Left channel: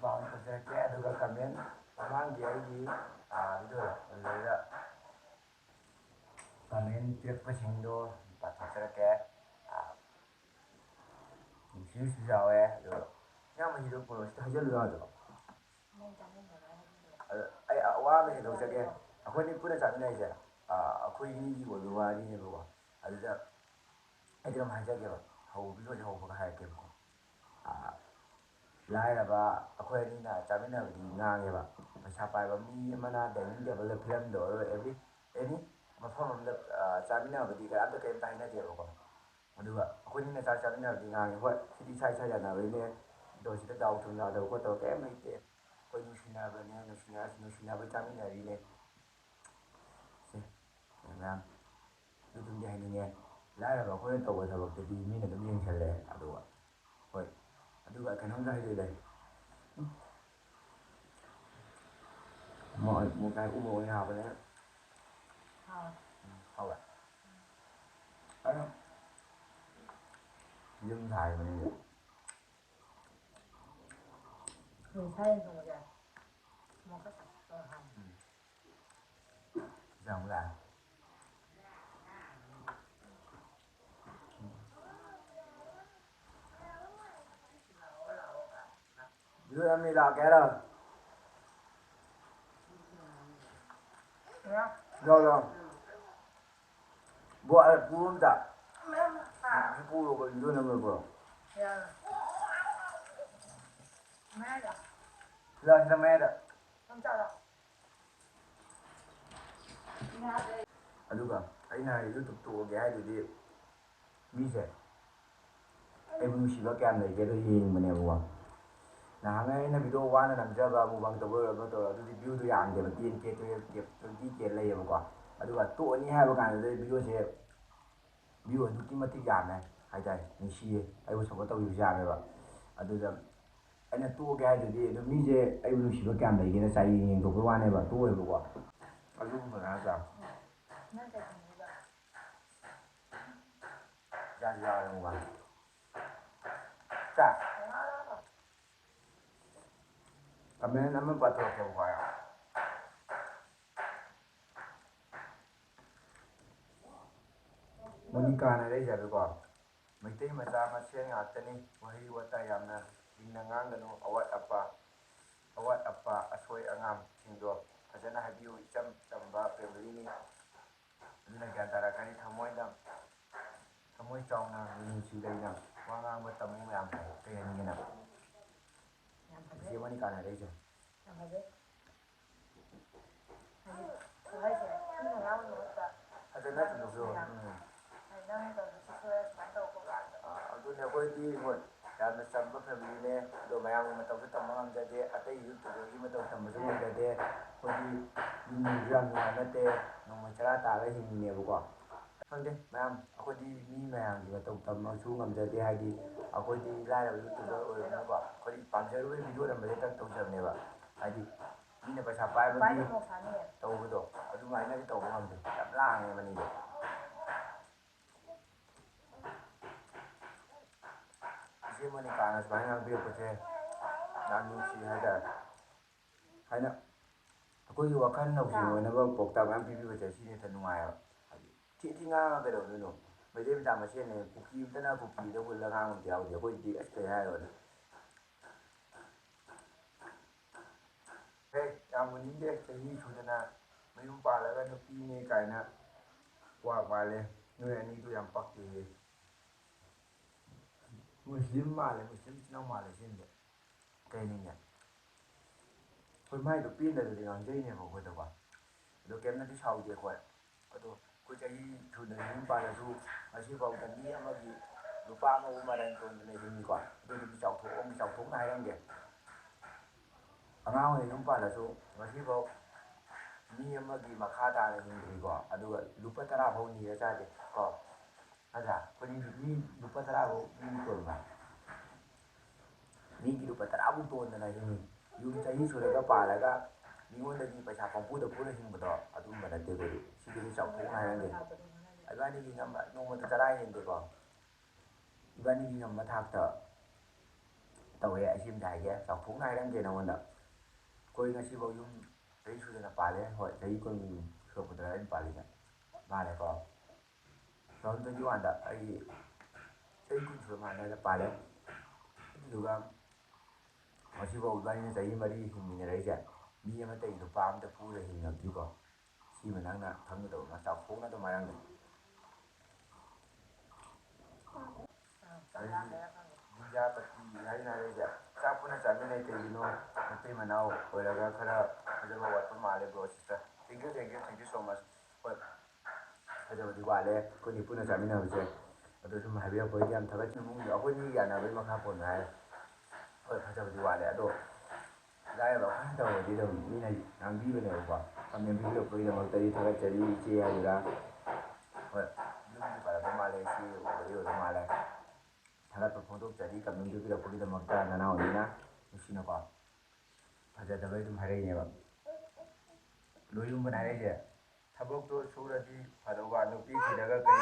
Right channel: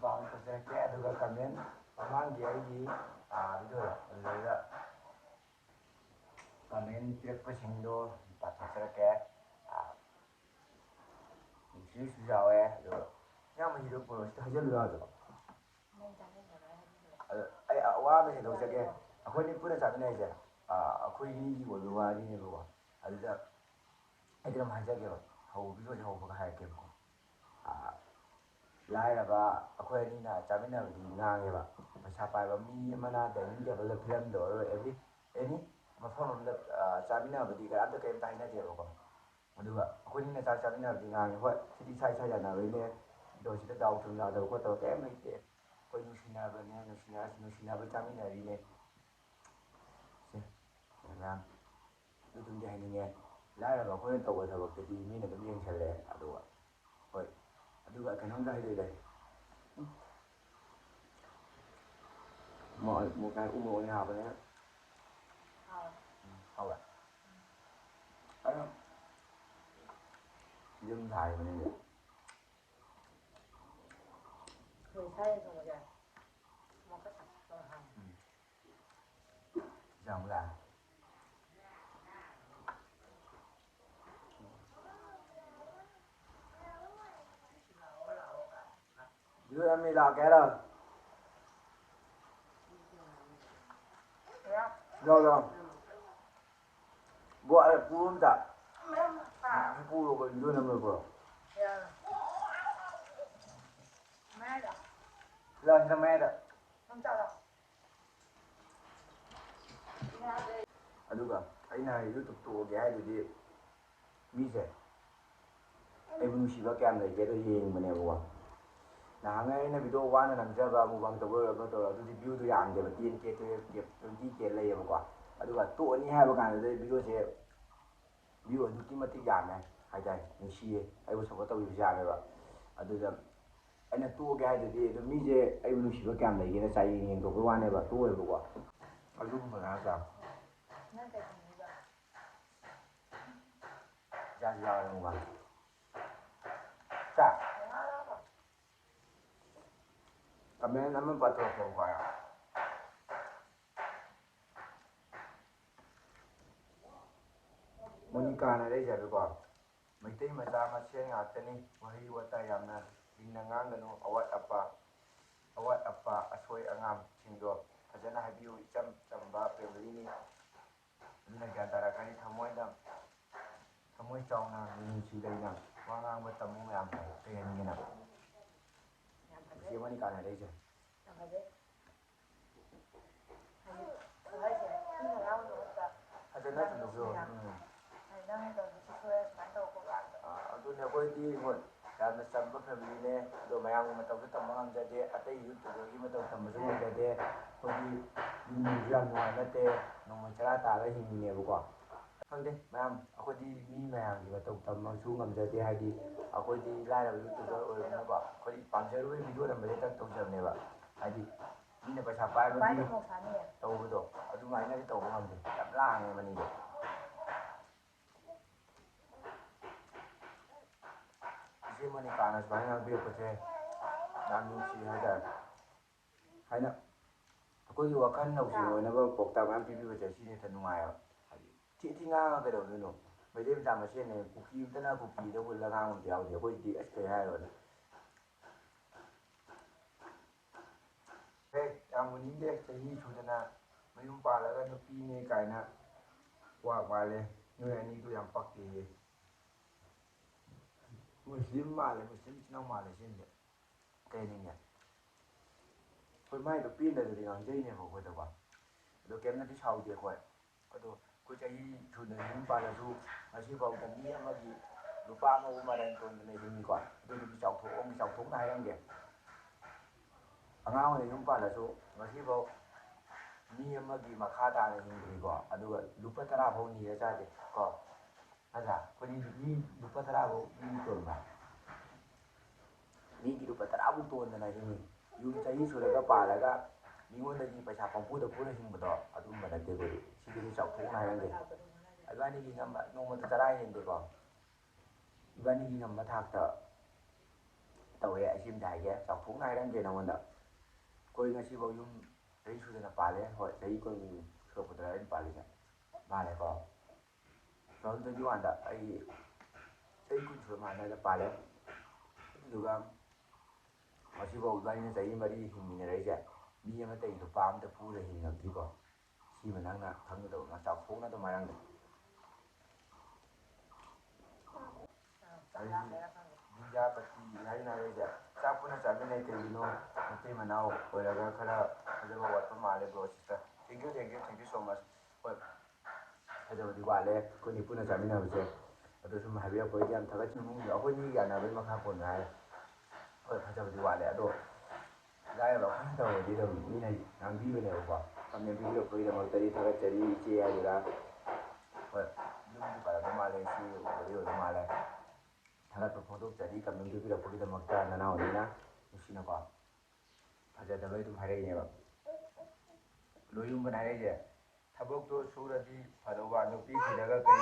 ꯄꯥꯎ ꯐꯖꯔꯛꯀꯦ ꯑꯗꯨꯒ ꯀꯃꯦꯟ ꯃꯃꯥꯡꯒꯤ ꯑꯩꯒꯤ ꯑꯗꯨꯗ ꯀꯃꯦꯟ ꯄꯤꯔꯛꯄꯁꯤꯡꯗꯣ ꯄꯥꯊꯣꯛꯆꯔꯛꯀꯦ ꯅꯨꯡꯁꯤꯕꯁꯨ ꯌꯥꯎꯋꯦ ꯑꯗꯨꯒ ꯌꯥꯝ ꯃꯍꯤꯗꯣ ꯄꯨꯔꯛꯁꯤꯗ ꯍꯩꯖꯤꯜꯂꯨ ꯌꯥꯗ꯭ꯔꯣ ꯑꯗꯣ ꯑꯩ ꯋꯥ ꯑꯃ ꯍꯦꯟꯗꯣꯛꯆꯒꯦ ꯑꯩꯈꯣꯏꯅꯤ ꯄꯨꯟꯅ ꯆꯥꯃꯤꯟꯅꯔꯤꯁꯦ ꯑꯩꯈꯣꯏꯒꯤ ꯑꯣꯏꯕ ꯋꯥꯔꯤꯅꯦꯕꯀꯣ ꯑꯗꯨꯗ ꯑꯩꯗꯤ ꯑꯗꯨꯝ ꯍꯥꯏꯖꯒꯦꯕ ꯚꯤꯗꯤꯑꯣꯁꯦ ꯍꯧꯕꯒ ꯍꯥꯏꯔꯛꯀꯦꯕꯀꯣ ꯂꯥꯏꯔꯕ ꯑꯩꯈꯣꯏ ꯑꯅꯤꯅ ꯆꯥꯃꯤꯟꯅꯕꯗꯤ ꯉꯥꯡꯉꯦꯕ ꯄꯩꯁꯥ ꯄꯥꯏꯕ ꯃꯤ ꯑꯃꯅ ꯗꯥꯏꯅꯤꯡ ꯇꯦꯕꯜꯗ ꯐꯤꯂꯝꯗ ꯑꯣꯏꯔꯣ ꯑꯦꯅꯤ ꯃꯐꯝ ꯑꯃꯗ ꯆꯥꯃꯤꯟꯅꯕꯗꯤ ꯀꯩꯝꯇ ꯍꯥꯏꯅꯗꯦꯕꯀꯣ ꯑꯗꯨꯒ ꯑꯩꯈꯣꯏꯅꯤꯅ ꯆꯥꯛ ꯆꯥꯃꯤꯟꯅꯕꯗꯤ ꯉꯥꯡꯉꯦ ꯍꯣꯏ ꯁꯤꯗꯤ ꯏꯁꯥ ꯏꯁꯥ ꯌꯥꯅꯕꯩꯅꯦ ꯑꯗꯣ ꯁꯤꯗ ꯗꯥꯎ ꯊꯨꯝ ꯌꯥꯗꯕ ꯈꯣꯠꯇꯕ ꯀꯩꯝ ꯂꯩꯇꯦ ꯑꯩꯈꯣই ꯅꯨꯡꯁꯤꯅꯕꯅꯦ ꯅꯨꯡꯁꯤꯅꯕꯩ ꯆꯥꯃꯤꯟꯅꯔꯤꯅꯦ ꯁꯤ ꯃꯌꯥꯝ ꯑꯗꯨꯝꯗꯤ ꯍꯥꯏꯅꯤꯡꯉꯦ ꯂꯥꯏꯔꯕ ꯑꯩꯈꯣꯏꯅ ꯇꯧꯕ ꯊꯕꯛꯇꯗꯤ ꯃꯤꯅ ꯑꯗꯨꯝ ꯌꯦꯡꯁꯜꯂꯦ ꯑꯗꯨꯒ ꯍꯣꯏ ꯑꯗꯨꯒ ꯀꯩꯅꯣꯝꯇ ꯍꯥꯏꯖꯒꯦ ꯃꯣꯏ ꯎꯃꯣꯛ ꯍꯥꯞꯄꯅꯦ ꯍꯥꯎꯕ ꯑꯗꯨꯝ ꯌꯨꯝ ꯁꯥꯔꯤꯕꯅꯦ ꯆꯪꯕ꯭ꯔꯥ ꯌꯨꯝ ꯂꯥꯛꯀꯦ ꯍꯥꯏꯔꯣ ꯂꯥꯛꯑꯣ ꯄꯨꯡ ꯑꯝꯇ ꯄꯨꯔꯣ ꯌꯨꯝ ꯑꯃ ꯄꯨꯔꯣ ꯂꯥꯛꯇ ꯃꯌꯥꯏꯗ ꯑꯗꯨꯒ ꯑꯩꯅ ꯌꯨꯇꯨꯕ ꯇꯣꯛꯑꯒꯦ ꯍꯥꯏꯗꯨꯗꯤ ꯃꯤꯁꯦ ꯑꯩꯕꯨ ꯅꯨꯡꯁꯤꯕ ꯀꯌꯥꯝ ꯂꯩꯒꯦꯗꯣ ꯌꯦꯡꯕꯅꯦꯕꯀꯣ ꯅꯍꯥꯟꯒꯩ ꯑꯩꯅ ꯚꯤꯗꯤꯑꯣ ꯋꯥꯅ ꯅꯝꯖꯕ ꯃꯨꯛꯕꯥꯡ ꯇꯧꯕ ꯑꯣꯏꯔꯣ ꯇꯧꯔꯣ ꯑꯗꯨꯗꯤ ꯚ꯭ꯌꯨꯗꯣ ꯌꯥꯝꯗꯦꯕ 10K 12K 20K ꯂꯩꯌꯦꯕꯀꯣ ꯑꯗꯨꯒ ꯇꯣꯛꯑꯅꯤ ꯍꯥꯏꯕ ꯀꯥꯟꯗ ꯚꯤꯗꯤꯑꯣꯁꯦ ꯚ꯭ꯌꯨ ꯑꯗꯨꯛꯀꯤ ꯃꯇꯤꯛ ꯌꯥꯝꯃꯦ ꯍꯥꯏꯇꯥꯔꯦ ꯅꯨꯡꯁꯤꯌꯦ ꯑꯩꯕꯨ ꯁꯞꯄꯣꯔꯠ ꯇꯧꯕꯤꯕꯁꯨ ꯌꯥꯝꯃꯦꯕ ꯑꯗꯨꯗ ꯑꯩꯅ ꯇꯣꯛꯑꯒꯦ ꯍꯥꯏꯗꯨꯗꯤ ꯑꯗꯨ ꯃꯤꯁꯦ ꯑꯩꯕꯨ ꯅꯨꯡꯁꯤꯕ ꯀꯌꯥꯝ ꯂꯩꯒꯦꯅ ꯆꯥꯡꯌꯦꯡ ꯌꯦꯡꯊꯣꯛꯄꯩ ꯋꯥꯅꯦꯕ ꯇꯣꯛꯑꯦꯕꯀꯣ ꯑꯗꯨꯒꯨꯝꯕ ꯅꯠꯇ꯭ꯔꯥ ꯆꯥꯁꯤ ꯌꯥꯎꯔꯦ ꯃꯨꯛꯕꯥꯡ ꯀꯃꯦꯟ ꯑꯃ ꯄꯥꯊꯣꯛꯀꯦꯕꯀꯣ ꯃꯣꯅꯤꯀꯥꯅ ꯍꯥꯏꯔꯛꯏꯁꯦꯀꯣ ꯃꯩꯇꯩ ꯃꯆꯥ ꯃꯁꯦꯟ ꯉꯥꯛꯇꯅꯤ ꯋꯥꯍꯩ ꯋꯥꯇꯥ ꯌꯥꯝꯅ ꯂꯤꯡꯅ ꯉꯥꯡꯒꯅꯨ ꯑꯋꯥꯠ ꯑꯄꯥ ꯑꯁꯣꯏ ꯑꯉꯥꯝꯁꯤꯡꯗꯣ ꯐꯖꯅ ꯍꯥꯏꯕꯤꯌꯨ ꯏꯆꯝ ꯆꯝꯕ ꯐꯦꯃꯤꯂꯤꯅꯤ ꯑꯗꯨꯅ ꯒ꯭ꯌꯥꯟ ꯇꯥꯔꯛꯀꯅꯤ ꯊꯃꯣꯏ ꯆꯥꯎꯅ ꯃꯤꯅꯨꯡꯁꯤ ꯂꯩꯅ ꯋꯥ ꯉꯥꯡꯕ ꯇꯝꯃꯨ ꯃꯌꯥꯝ ꯐꯩ ꯀꯩ ꯍꯥꯏꯅꯤꯡꯉꯦꯅ ꯁꯤ ꯃꯣꯅꯤꯀꯥꯅ ꯍꯥꯏꯔꯛꯏꯁꯦ ꯐꯖꯅ ꯇꯧꯕꯤꯌꯣ ꯑꯗꯨꯅꯦ ꯑꯩꯈꯣꯏꯗꯤ ꯍꯣꯏ ꯌꯥꯝꯅ ꯆꯝꯕ ꯐꯦꯃꯤꯂꯤꯅꯦ ꯑꯗꯣ ꯃꯌꯥꯝꯒꯤ ꯃꯇꯧꯁꯨ ꯇꯝꯕ ꯉꯝꯖꯗꯦ ꯑꯇꯩ ꯌꯨꯇꯨꯕꯔꯒꯤ ꯃꯇꯧ ꯇꯝꯕꯁꯨ ꯉꯝꯖꯗꯦ ꯑꯩꯈꯣꯏꯒꯤ ꯃꯤꯁꯨ ꯌꯥꯝ ꯅꯨꯡꯉꯥꯏ ꯅꯠꯇꯦ ꯅꯣꯡꯃꯩ ꯆꯔꯥ ꯇꯥꯔꯒ ꯍꯤꯡꯉꯤꯅꯦꯕꯀꯣ ꯈꯪꯗꯦ ꯃꯌꯥꯝ ꯑꯩꯈꯣꯏꯗꯤ ꯃꯤ ꯃꯌꯥꯝꯒꯤ ꯃꯇꯧ ꯇꯝꯕꯁꯨ ꯉꯝꯖꯗꯦ ꯍꯥꯏꯗꯤ ꯑꯩꯈꯣꯏꯗꯤ ꯂꯥꯏꯔꯕ ꯌꯨꯇꯨꯕꯔ ꯑꯣꯏꯔꯕꯅꯤꯅꯀꯣ ꯑꯩꯈꯣꯏꯗꯤ ꯄꯥꯝꯖꯔꯨꯕ ꯚꯤꯗꯤꯑꯣ ꯅꯝꯕꯁꯦ ꯈꯛ ꯇꯧꯖꯕꯅꯦꯕ ꯍꯥꯏꯗꯤ ꯃꯤꯅ ꯄꯩꯁꯥ ꯄꯥꯏꯕꯒꯤ ꯇꯧꯕꯗꯣ ꯑꯗꯨꯃꯥꯏꯅꯗꯤ ꯇꯧꯕ ꯉꯝꯗꯦ ꯌꯥꯝ ꯂꯥꯡꯉꯦ ꯃꯅꯤꯡꯗ ꯏꯆꯦ ꯃꯣꯅꯤꯀꯥꯅ ꯁꯨꯃꯥꯏꯅ ꯉꯥꯡꯕꯤꯔꯛꯄꯁꯦ ꯌꯥꯝ ꯅꯨꯡꯁꯤ ꯍꯥꯏꯇꯥꯔꯦ ꯍꯥꯏꯅ ꯑꯩꯈꯣꯏꯒꯤ ꯋꯥꯈꯜ ꯂꯧꯁꯤꯡ ꯑꯣꯏꯅꯕ ꯄꯥꯎꯇꯥꯛ ꯃꯌꯥꯝ ꯄꯤꯕꯤꯕꯁꯦ ꯁꯤꯅ ꯍꯦꯟꯅ ꯅꯨꯡꯉꯥꯏꯕ ꯍꯥꯏꯗꯤ ꯊꯤ ꯉꯥꯡꯉꯒ ꯀꯩꯗꯧꯗꯣꯏꯅꯣ ꯃꯩꯇꯩ ꯃꯆꯥ ꯃꯁꯦꯟꯅꯦ ꯀꯨꯀꯤ ꯑꯝꯇꯅ ꯀꯨꯀꯤꯗ ꯍꯨꯜꯂ ꯉꯥꯡꯕ ꯑꯝꯇ ꯌꯥꯎꯗꯦ ꯑꯩꯈꯣꯏꯗꯤ ꯑꯁ ꯀꯩ ꯍꯥꯏꯔꯨꯔꯅꯤ ꯌꯥꯝ ꯎꯅꯤꯡꯗꯦ ꯆꯍꯤ ꯁꯨꯗꯅ ꯃꯌꯨꯝ ꯄꯥꯜꯂꯒ ꯅꯨꯄꯤꯅꯦ ꯀꯥꯏꯅ ꯋꯥ ꯃꯥꯜꯂꯦ ꯅꯣꯏ ꯑꯅꯤꯗꯨ ꯌꯥꯝ ꯄꯛꯇꯦꯌꯦ ꯃꯨꯁꯂꯤꯝ ꯃꯥꯜꯂꯦ ꯃꯨꯁꯂꯤꯝ ꯏꯆꯤꯟ ꯏꯅꯥꯎ ꯃꯥꯜꯂꯦ ꯁꯤꯝꯗꯤ ꯀꯩꯅꯤꯡꯉꯦ ꯍꯣꯏ ꯃꯥꯏꯗꯣ ꯄꯦꯟꯗꯕꯗꯤ ꯉꯥꯡꯖꯩꯅꯦꯕ ꯑꯩꯈꯣꯏꯗꯀꯣ ꯑꯗꯣ ꯀꯩꯝꯇꯗꯤ ꯁꯥꯎꯗꯦ ꯑꯩꯈꯣꯏ ꯑꯗꯣ ꯑꯩꯈꯣꯏ ꯆꯍꯤ ꯁꯨꯗꯅ ꯌꯨꯝ ꯄꯥꯜꯂꯁꯨ ꯉꯁꯤꯐꯥꯎꯗ ꯃꯤ ꯑꯃꯒꯤ ꯅꯨꯄꯥ ꯑꯃꯕꯨ ꯃꯔꯟ ꯇꯣꯟꯗꯅ ꯍꯤꯡꯉꯤꯀꯣ ꯑꯗꯨꯗꯤ ꯆꯥꯎꯊꯣꯛꯅ ꯍꯥꯏꯔꯝꯒꯦ ꯑꯉꯥꯡ ꯑꯣꯏꯅ ꯌꯨꯝ ꯄꯥꯜꯂꯁꯨ ꯉꯁꯤꯐꯥꯎ ꯃꯤ ꯑꯃꯒꯤ ꯃꯈꯥ ꯇꯥꯅ ꯍꯤꯡꯗ꯭ꯔꯤꯀꯣ ꯑꯗꯨꯒ ꯂꯨꯄꯥ 10 ꯐꯥꯎ ꯅꯤꯔ ꯆꯥꯗꯦ ꯀꯣ ꯅꯠꯇ꯭ꯔꯥ ꯑꯩꯈꯣꯏꯗꯤ ꯃꯤ ꯂꯨꯄꯥ 10 ꯐꯥꯎ ꯃꯤ ꯇꯣꯟꯕ ꯃꯤꯒꯤ ꯂꯨꯄꯥ 10 ꯐꯥꯎ ꯇꯣꯟꯗꯅ ꯍꯤꯡꯉꯤ ꯌꯨꯝ ꯆꯍꯤ ꯁꯨꯔꯒ ꯄꯥꯜꯂꯒ ꯃꯤꯉꯣꯟꯗꯒꯤ ꯄꯩꯁా ꯄꯨꯔ ꯍꯤꯡꯕꯗꯣ ꯑꯗꯨꯝꯕ ꯅꯠꯇꯦ ꯑꯩꯈꯣꯏꯗꯤ ꯁꯤꯗꯤ ꯆꯥꯎꯊꯣꯛꯅ ꯍꯥꯏꯔꯝꯒꯦ ꯏꯕꯥꯅꯤꯒꯤ ꯅꯣꯡꯃꯗ 10 ꯍꯦꯟꯗꯦꯀꯣ ꯏꯕꯥꯅꯤꯒꯤ ꯉꯝꯕ ꯊꯥꯛꯇ ꯇꯧꯋꯦ ꯑꯁꯤꯝꯗ ꯍꯥꯏꯒꯦ ꯆꯥꯎꯊꯣꯛꯅ ꯍꯥꯏꯔꯝꯒꯦ ꯅꯉꯣꯟꯗ ꯑꯩꯈꯣꯏ ꯉꯁꯤꯐꯥꯎ ꯌꯨꯝ ꯆꯍꯤ ꯁꯨꯗꯅ ꯄꯥꯜꯂꯦ ꯍꯣꯏ ꯆꯍꯤ 10 ꯁꯨꯔꯛꯄꯗ ꯑꯩꯅ ꯄꯥꯜꯂꯤꯁꯦ ꯃꯥꯜꯂꯦꯀꯣ 2021ꯗ ꯑꯩ चही 10 सुरꯛ माने पाले अदुगा मसिबाव इबानी चही 4 हिंमिनरैसे मी अमा तै नुपा अमता पुरा हिंगक्तिको सिमा नंगना खंगदो मा चाखोना तो मायांगदो दुनिया पति हाइना रैसे चापुना चामिनै कइनो नुपी मनाव ओइरागा खरा फजबा वाटपा माले bro sister thank you so much होय फजबदी वाले कोनी पुना चामिनाबसे अदो सुम हाइबिरपै याम थगत नुमुंगी अखोइनी यानाबे मखा पोन हाय होय फजबदी वाले अदो लायबा अखोइना तवदी दम मिना नांबीबनेबको कमेन्ट भिडियो पइदा मक्तरी थगत चरी इचे हाइरा होय युमदि पारबा माले इचे ओदी ओदी माले थगत फोटो चरी कमेन्ट भिडियो पइदा मक्ता नना ओदिना उसिनको फजदबै दुम हाइरैनेबा लोयुम बनाइरैजे थबकतो सुरदी फदवा नुपी थिरगा कई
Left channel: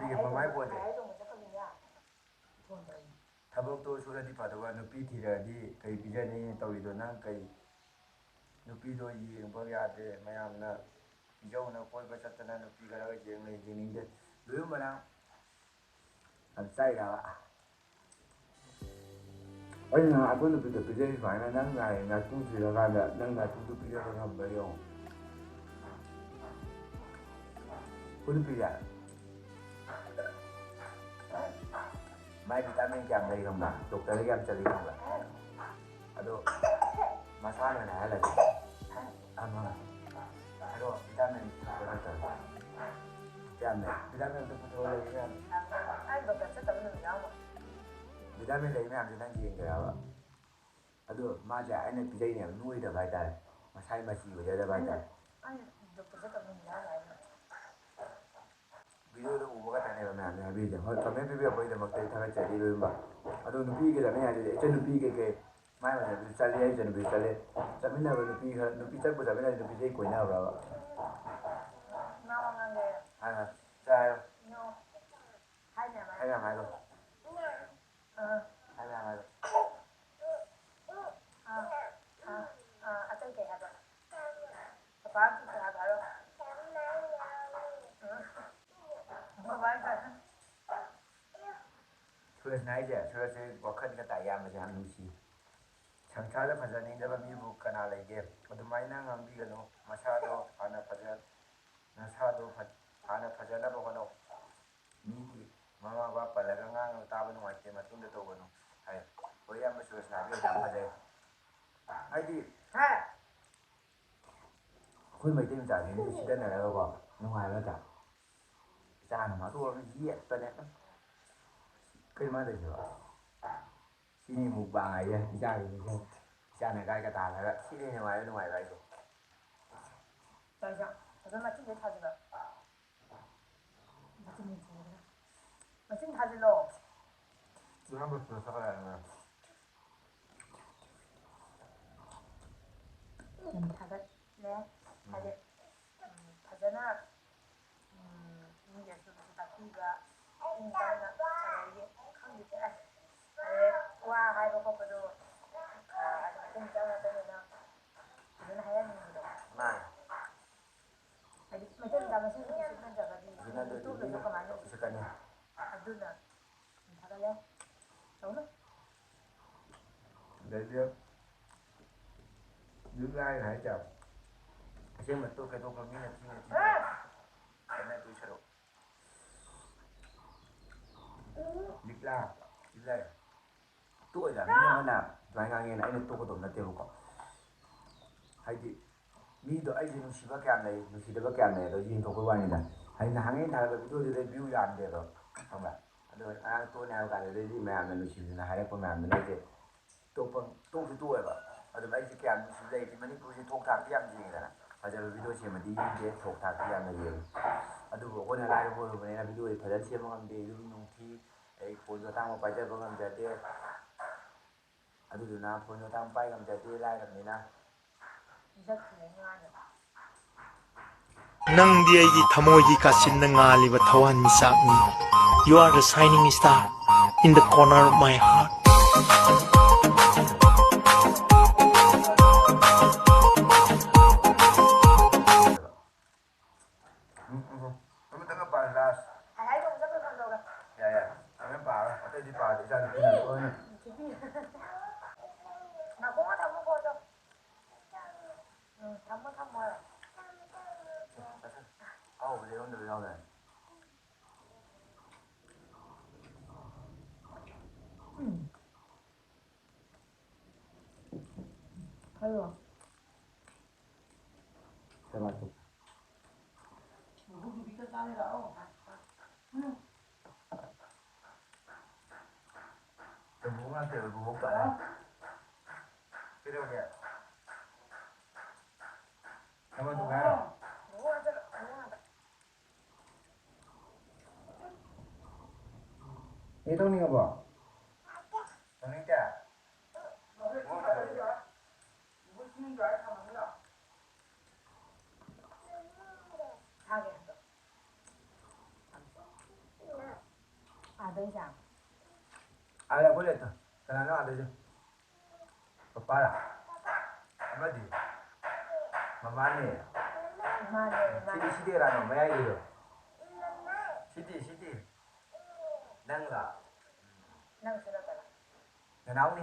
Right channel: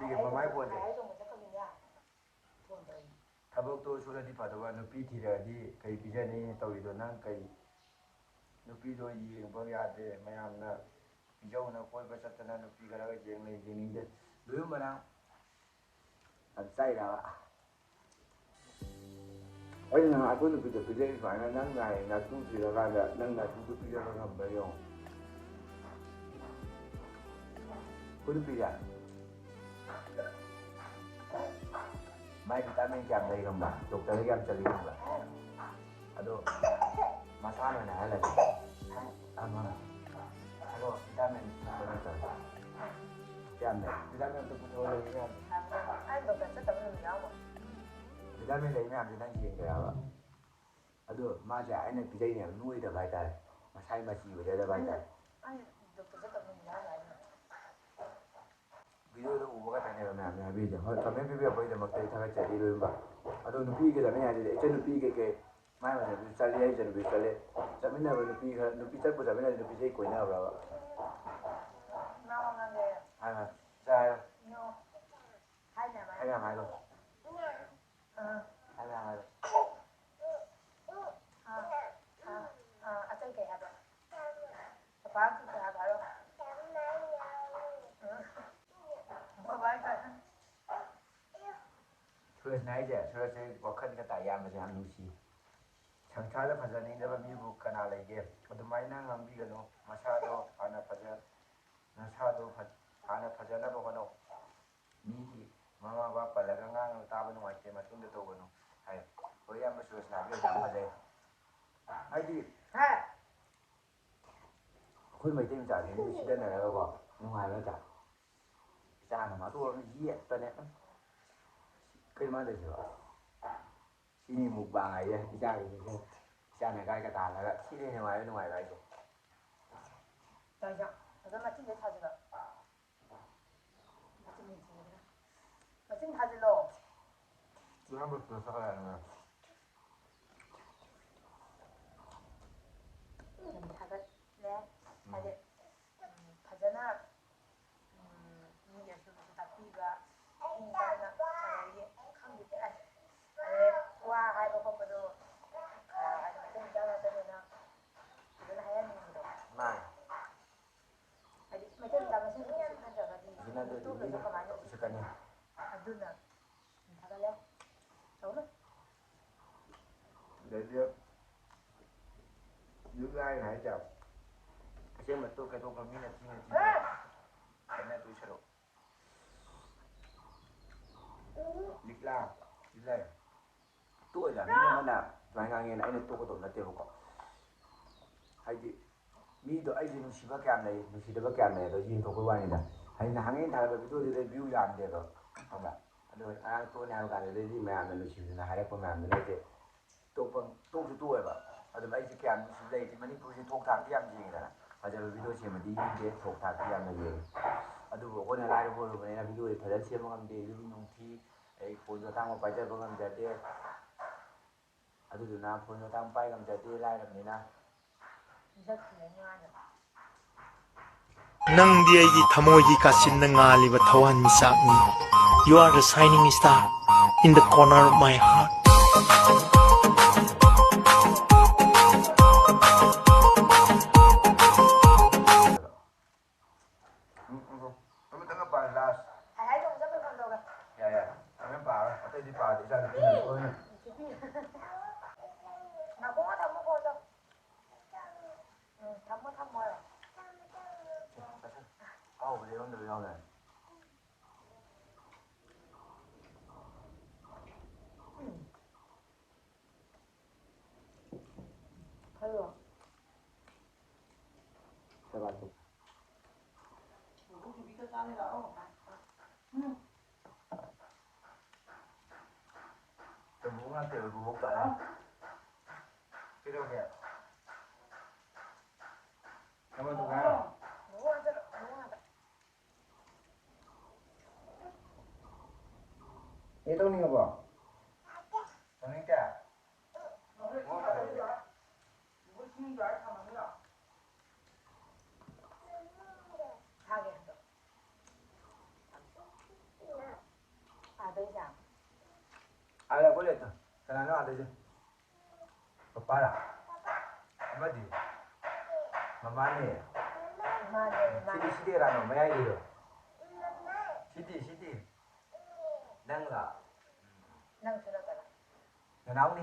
बिजनना थबकतो सुरदी फदवा नुपी थिरदी कई बिजनी तौरिदो नंग कई नुपीदो येंबा यादे मयामना पिजौना कोइबा चतना नुपी खरगा जेंनिंगदे लोयुम बना चाइराबा अꯩꯅ ꯑꯗꯨ ꯅꯨꯄꯤꯗꯣ ꯄꯤꯖꯩ ꯁꯨꯃꯥꯏꯅ ꯅꯪ ꯉꯥꯏꯇꯨ ꯊꯤꯔꯀꯥꯟꯗ ꯅꯪ ꯉꯥꯏꯇꯨꯗꯣ ꯄꯤꯖꯕ ꯉꯝꯕ꯭ꯔꯥ ꯌꯦꯡꯉꯣ ꯑꯩꯈꯣꯏ ꯅꯨꯄꯤꯁꯦ ꯃꯥꯏ ꯚꯤꯇꯥꯃꯤꯟ ꯀꯌꯥꯝ ꯂꯩ ꯈꯪꯕ꯭ꯔꯥ ꯗꯣꯛꯇꯔꯗ ꯀꯌꯥꯝ ꯆꯠꯂꯤ ꯈꯪꯕ꯭ꯔꯥ ꯑꯗꯣ ꯃꯁꯥꯅ ꯑꯣꯏꯅ ꯍꯥꯏꯍꯜꯂꯒꯦ ꯍꯥꯏꯔꯣ ꯚꯤꯇꯥꯃꯤꯟ ꯊꯛꯄ ꯅꯠꯇꯕ ꯀꯌꯥꯝ ꯂꯩ ꯚꯤꯇꯥꯃꯤꯟ ꯑꯇꯣꯞꯄ ꯂꯩ ꯚꯤꯇꯥꯃꯤꯟ ꯂꯩ ꯃꯌꯥꯝꯁꯦ ꯅꯪ ꯌꯦꯡꯒꯦꯔꯕ ꯑꯗꯣ ꯃꯥꯁꯦ ꯑꯩꯅ ꯄꯤꯖꯩꯅꯦ ꯅꯣꯏꯗꯕ ꯍꯥꯏꯇꯥꯔꯦ ꯃꯁꯥꯏ ꯃꯆꯤ ꯑꯣꯏꯖꯗꯕ ꯍꯥꯏꯇꯥꯔꯦ ꯚꯤꯗꯤꯑꯣꯗ ꯎꯕ ꯈꯛꯇꯅꯦꯕ ꯃꯌꯥꯝꯅ ꯍꯥꯏꯕꯤꯔꯤꯁꯦ ꯍꯣꯏ ꯀꯃꯦꯟ ꯄꯤꯕꯤꯔꯛꯄꯒꯤꯗꯃꯛꯇ ꯑꯩ ꯊꯥꯒꯠꯆꯔꯤ ꯂꯣꯏꯅꯃꯛ ꯑꯗꯣ ꯅꯨꯄꯤꯒ ꯆꯠꯃꯤꯟꯅ ꯍꯥꯏꯔꯗꯤ ꯏꯆꯟ ꯅꯨꯄꯤ ꯀꯩꯀꯩ ꯃꯥꯏ ꯃꯊꯛꯇ ꯆꯠꯂꯦ ꯑꯩ ꯏꯆꯟ ꯅꯨꯄꯤ ꯆꯠꯂꯦ ꯆꯠꯃꯤꯟꯅꯕ ꯅꯨꯄꯤ ꯈꯔ ꯅꯨꯄꯤ ꯆꯠꯄ ꯆꯠꯃꯤꯟꯅꯔꯗꯤ ꯅꯨꯄꯤꯁꯦ ꯀꯣꯏꯅꯕ꯭ꯔꯕ ꯆꯥꯏ ꯍꯥꯏ ꯃꯌꯥꯝ ꯍꯥꯏꯔꯣ ꯍꯥꯏ ꯃꯌꯥꯝ ꯍꯥꯏꯔꯣ ꯁꯨꯔꯖꯅ ꯍꯥꯏꯁꯦ ꯁꯨꯔꯖꯁꯦ ꯋꯥꯈꯜꯒ ꯇꯥꯏ ꯌꯥꯝꯕꯁꯦ ꯌꯥꯝ ꯅꯨꯡꯁꯤ ꯁꯪꯁꯥꯔꯗ ꯐꯖꯅꯤꯡꯗꯕ ꯃꯤꯕꯨ ꯀꯅꯥ ꯂꯩꯒꯦ ꯑꯗꯨꯃꯥꯏꯅ ꯉꯥꯡꯕꯤꯒꯅꯨ ꯅꯁꯥꯗꯣ ꯍꯥꯟꯅ ꯐꯖꯅꯕ ꯍꯣꯠꯅꯧ ꯃꯤꯒꯤ ꯃꯃꯥ ꯕꯕꯥ ꯄꯜꯂꯒ ꯉꯥꯡꯉꯒ ꯇꯥꯕ ꯅꯨꯡꯉꯥꯏꯇꯦ ꯃꯇꯨꯡꯗ ꯇꯧꯒꯅꯨ ꯍꯥꯏ ꯍꯣꯏ ꯏꯌꯥꯝꯕ ꯁꯨꯔꯖꯅ ꯍꯥꯏꯕꯤꯔꯤꯁꯦ ꯌꯥꯝ ꯐꯖꯩ ꯍꯥꯏꯗꯤ ꯑꯩꯈꯣই ꯃꯩꯇꯩ ꯃꯆꯥꯁꯦ ꯃꯤ ꯁꯤꯗꯅꯔꯒꯀꯣ ꯅꯨꯡꯉꯥꯏꯕ ꯅꯠꯇ꯭ꯔꯥ ꯏꯆꯥꯅ ꯃꯇꯣꯛꯑꯒ ꯌꯦꯠꯄꯅꯦ ꯀꯩ ꯃꯥꯟꯗꯣꯏꯁꯤꯕ ꯁꯤꯅꯤ ꯃꯨꯛꯕꯥꯡ ꯍꯥꯏꯁꯦ ꯏꯆꯥꯅ ꯒꯥꯏꯒ ꯇꯥꯜꯂꯒ ꯁꯤꯅꯤ ꯅꯨꯡꯉꯥꯏꯕ ꯍꯥꯏꯁꯦ मशीन थाजिलो 한번 더 사가야 하나 थागत ले फजना मिगेसु ताकीबा इंदाना साराये खंगिते वा हाइबा कोपदो अदुम जाना तनेना फजना हाया निदो मा अदि मते दामसे सिकना जगदी जिना दे तो कमाने सिकने अदुना थागले तौना लेजे 유가이 나이죠. 아시면 또 계속 민에 팀에 맨날 두시로. 닉라 일래. 또 이제 민에나 나이강에는 아이는 또 것도 없나 때로고. 하이디 미도 아이디 누시바 꺄ꯝ 나이 누시다바 꺄ꯝ 나이도 인토고 와니다. 하이나 항에 나가 비디오데 뷰 얌데도. 정말. 아도 아 또 나가 가는데 이 매암나 누시나 하래 보면 이제 또도 또해봐. ꯑꯗꯨꯝ ꯑꯩꯁꯦ ꯀꯌꯥꯝ ꯅꯨꯡꯁꯤ ꯂꯩꯇꯦ ꯃꯅꯤꯄꯨꯔꯁꯦ ꯊꯣꯛ ꯊꯥꯛꯇꯤ ꯌꯥꯝ ꯌꯦꯡꯉꯤꯗꯅ ꯐꯖꯕ ꯚꯤꯗꯤꯑꯣ ꯁꯦꯝꯃꯗꯤ ꯌꯦꯡꯗꯦ ꯊꯣꯛ ꯊꯥꯛꯇꯤ ꯌꯥꯝꯅ ꯌꯦꯡꯉꯤ ꯑꯗꯨꯕꯨ ꯑꯩꯈꯣꯏꯅ ꯂꯥꯏꯔꯕ ꯑꯣꯏꯔꯨꯕꯅꯤꯅ ꯚꯤꯗꯤꯑꯣꯁꯦ ꯐꯖꯅ ꯁꯦꯝꯕ ꯉꯝꯗꯦ ꯌꯨꯝ ꯅꯨꯡꯊꯤ ꯑꯩ ꯐꯣꯟꯁꯨ ꯑꯇꯥꯡꯕ ꯄꯥꯏꯖꯕ ꯉꯝꯖꯗꯦ ꯑꯗꯨꯗꯨꯅ ꯐꯣꯟꯁꯨ ꯑꯇꯥꯡꯕ ꯄꯥꯏ ꯉꯝꯖꯗꯦ ꯂꯥꯏꯔꯕꯅꯤꯅ ꯅꯪꯗꯤ ꯑꯩꯒꯤ ꯊꯃꯣꯏꯒꯤ ꯀꯥꯆꯤꯟꯗ ꯉꯥꯜꯂꯤꯕ ꯊꯋꯥꯟꯃꯤꯆꯥꯛꯅꯤ. You are the shining star in the corner of my heart. ꯑꯃꯇꯪꯒ ꯄꯥꯔ ꯂꯥꯁ ꯍꯥꯏ ꯇꯧ ꯆꯠꯄ ꯐꯪꯗꯧꯒ ꯌꯥꯏ ꯌꯥꯏ ꯑꯃ ꯄꯥꯔ ꯑꯇꯩꯗꯤ ꯄꯥꯔꯗꯤ ꯏꯆꯥ ꯅꯨꯄꯤꯅ ꯂꯣꯏꯅ 나공화 담고 보자. 응, 담고 담아요. 아우부지 이런데도 나오네. 아유. 누구 밑에 따내라고. 누구한테 얼굴 못 가네. 그러게. 가만 둬. 누구한테 이동이가 봐. 정리자. 무슨 줄 알아? 가만히가. 자기 했어. 아,等一下. 아야 걸렸다. 전화는 안 되죠. 오빠야. 아버지. 마마니. 마네. 시디라노 뭐야 이거? 시디. 낭라. 난 지나가라. 내 나오니?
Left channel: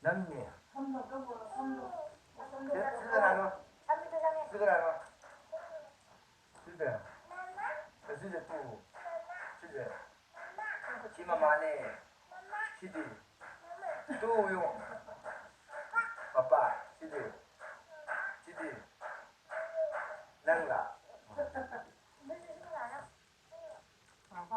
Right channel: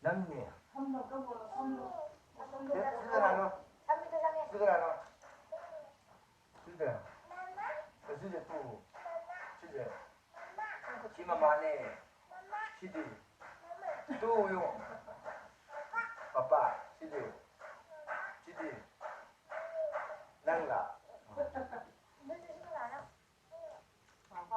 낭니. 쓰더라노. 쓰더라노. 쓰더. 쓰더 또. 쓰더. 지마마네. 시디. 또 용. 아빠. 시디. 낭라. 무슨 생각 안 해? 아빠.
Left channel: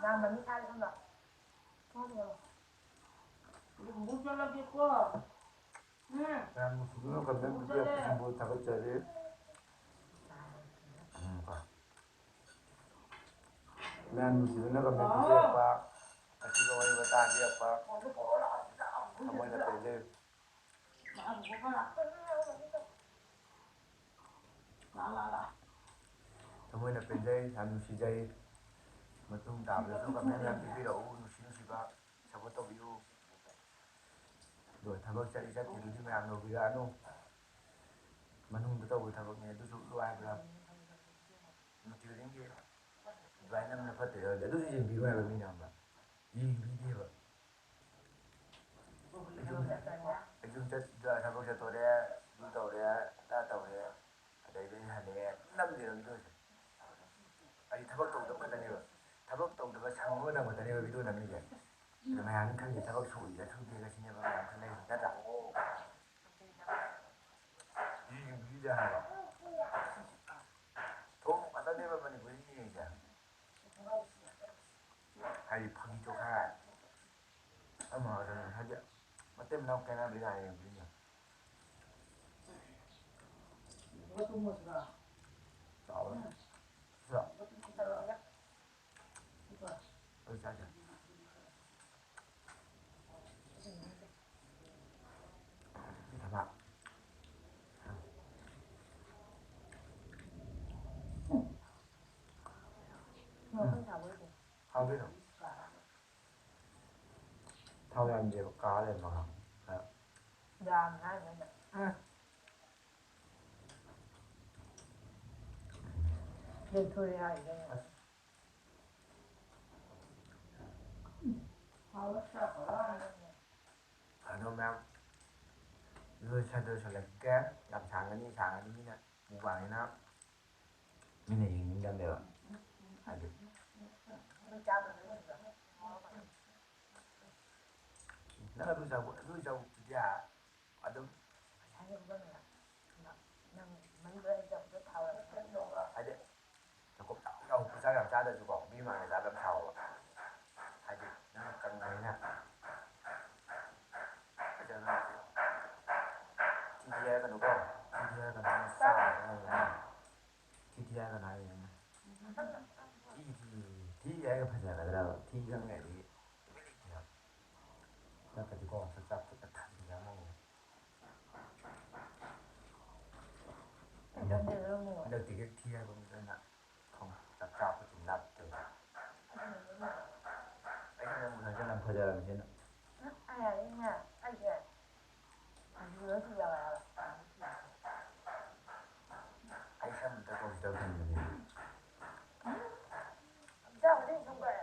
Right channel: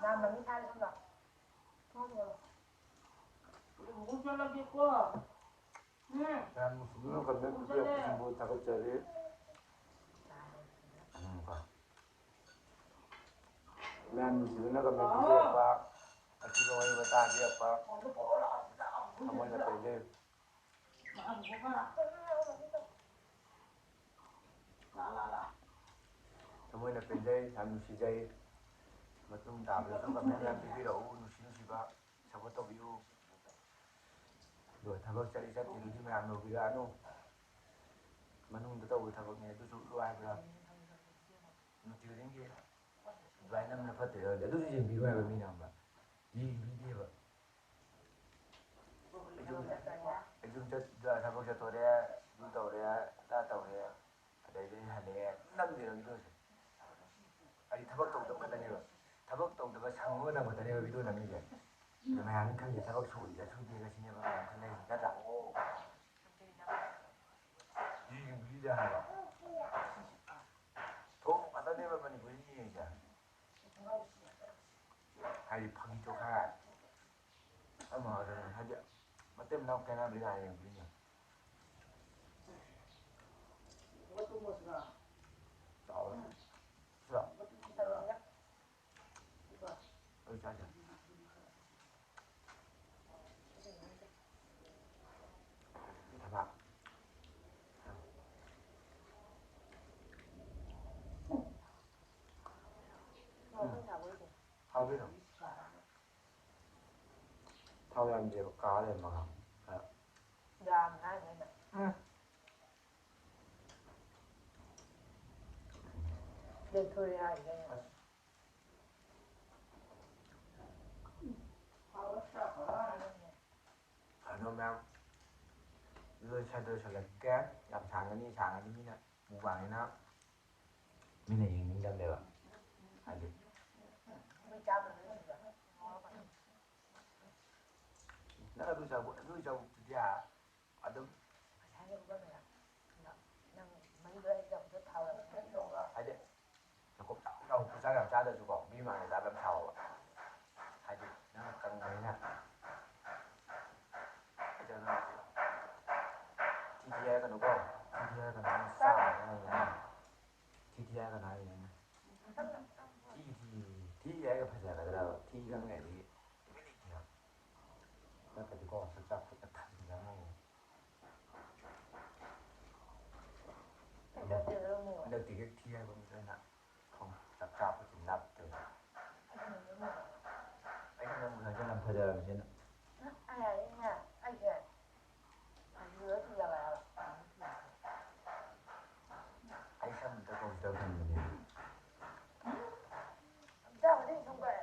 나 많이 살던가. 그리고 못 잘랐겠고. 응. 난 무슨 건데 무슨 뭐 다것짜리. 난 무슨 건데 아빠. 아치가 왜 왔다 아빠. 어머니가 때려. 어머니가 때려. 난 무시자이. ꯃꯇꯨꯡ ꯇꯥꯕꯗꯁꯨ ꯀꯃꯦꯟ ꯌꯥꯝ ꯄꯤꯕꯤꯔꯛꯎ ꯅꯨꯡꯁꯤꯕ ꯁꯄꯣꯔꯠ ꯇꯧꯕꯤꯌꯨ ꯑꯗꯣ ꯊꯕꯛ ꯆꯠꯂꯤ ꯆꯠꯇꯦ ꯃꯌꯥꯝ ꯌꯧꯕꯤꯔꯛꯑꯅꯨ ꯃꯅꯨꯡꯗ ꯇꯧꯕ ꯊꯕꯛꯅꯦ ꯑꯗꯨꯁꯨ ꯂꯣꯏꯕ꯭ꯔꯥ ꯅꯨꯡꯇꯤ ꯈꯨꯗꯤꯡꯒꯤ ꯑꯗꯨꯃꯥꯏꯅ ꯅꯝꯅ ꯐꯠꯇꯦ ꯑꯗꯨꯁꯨ ꯌꯦꯡꯕꯤꯌꯨ ꯍꯥꯏꯕ ꯃꯤꯅ ꯑꯃ ꯌꯦꯡꯕꯤꯗꯦꯕ ꯊꯕꯛ ꯆꯠꯊꯣꯔꯦ ꯑꯗꯨ ꯇꯧꯔꯦ ꯑꯗꯥ ꯇꯧꯔꯦ ꯑꯗꯩꯗꯤ ꯍꯜꯂꯛꯑꯦ ꯅꯝꯗꯦꯕ ꯚꯤꯗꯤꯑꯣꯁꯦ ꯑꯩ ꯊꯕꯛ ꯇꯧꯗꯕ ꯈꯛꯇꯅꯦꯕ ꯊꯕꯛ ꯇꯧꯗꯕ ꯁꯪꯕ ꯃꯇꯝ ꯈꯛꯇꯅꯦꯕ ꯚꯤꯗꯤꯑꯣ ꯅꯝꯃꯤꯁꯦ ꯑꯗꯣ ꯃꯌꯥꯝꯅ ꯈꯪꯗꯦ ꯊꯕꯛ ꯁꯨꯏꯒ ꯁꯨꯗꯦꯒ ꯁꯤꯅꯦꯕ ꯃꯌꯥꯝ ꯈꯪꯅꯩꯁꯦ ꯅꯠꯇ꯭ꯔꯥ ꯌꯦꯡꯕꯤꯗꯦ ꯍꯥꯏꯕ ꯊꯣꯡ ꯉꯥꯛꯇꯅꯦꯕ ꯃꯅꯤꯄꯨꯔꯤ ꯌꯦꯡꯉꯤꯁꯦ ꯍꯥꯏꯗꯤ ꯐꯥꯒꯤ ꯆꯣꯈꯥꯏ ꯑꯃ ꯍꯥꯏꯗꯤ ꯃꯇꯩ ꯃꯅꯥꯎ ꯈꯦꯠꯅꯕ ꯌꯥꯏ ꯌꯦꯡꯕꯤꯅꯤ 하고요. 타오야 이제 가래 봐. 야, 나는. 응. 내 소리야 이래. 그러면 이거 살게 yap장안이 미나 무방이나 미나 얘기인데요. 아주 내가 루자고 그야 아주 아주 조금 나오고 부자가 짜다 주고 미망에 나름 사오 아주 나는 깡내나 TTI가 누구 TTI가 나는 싸 TTI가 나는 생각이 그러니까 이거 진짜 다 되잖아요. ทำได้เรื่องหนึ่ง 근데 되게 뒤에 보면 답답하고 좀 낫죠. 아니 무슨 저는 거절하는 저는 ไอ้เนี่ยไอ้เนี่ยเหลือที่อะไรอ่ะ 아이ሻ는 또 저는 เจ้าไม่ได้ดูเลย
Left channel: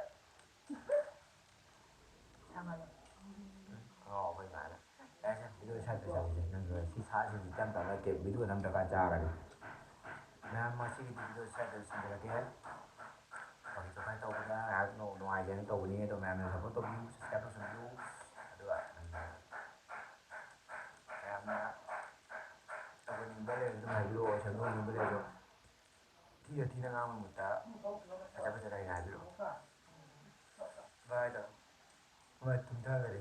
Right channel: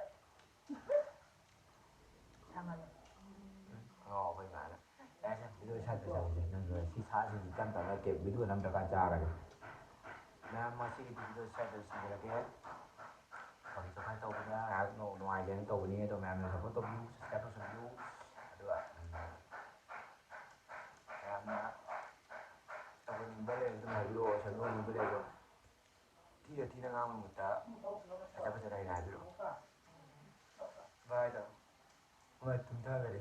ทำอะไร 거의 많아. 아이샤 비디오 찾으자고 있는 거 시사진 짬밥에 게 비디오 남자가 자라니. 나 마치 비디오 찾으신 거게 거기서 할 거구나. 너 아이는 또 우리에 또 나는 뭐 또 뮤, 스텝은 뮤. được em tao bên bên đây tôi thấy luônฉันluôn bên đây rồiที่นั่งเอาหมดแล้วจะไปจะได้งานอยู่บายจ้ะบายถึงเท่าไหร่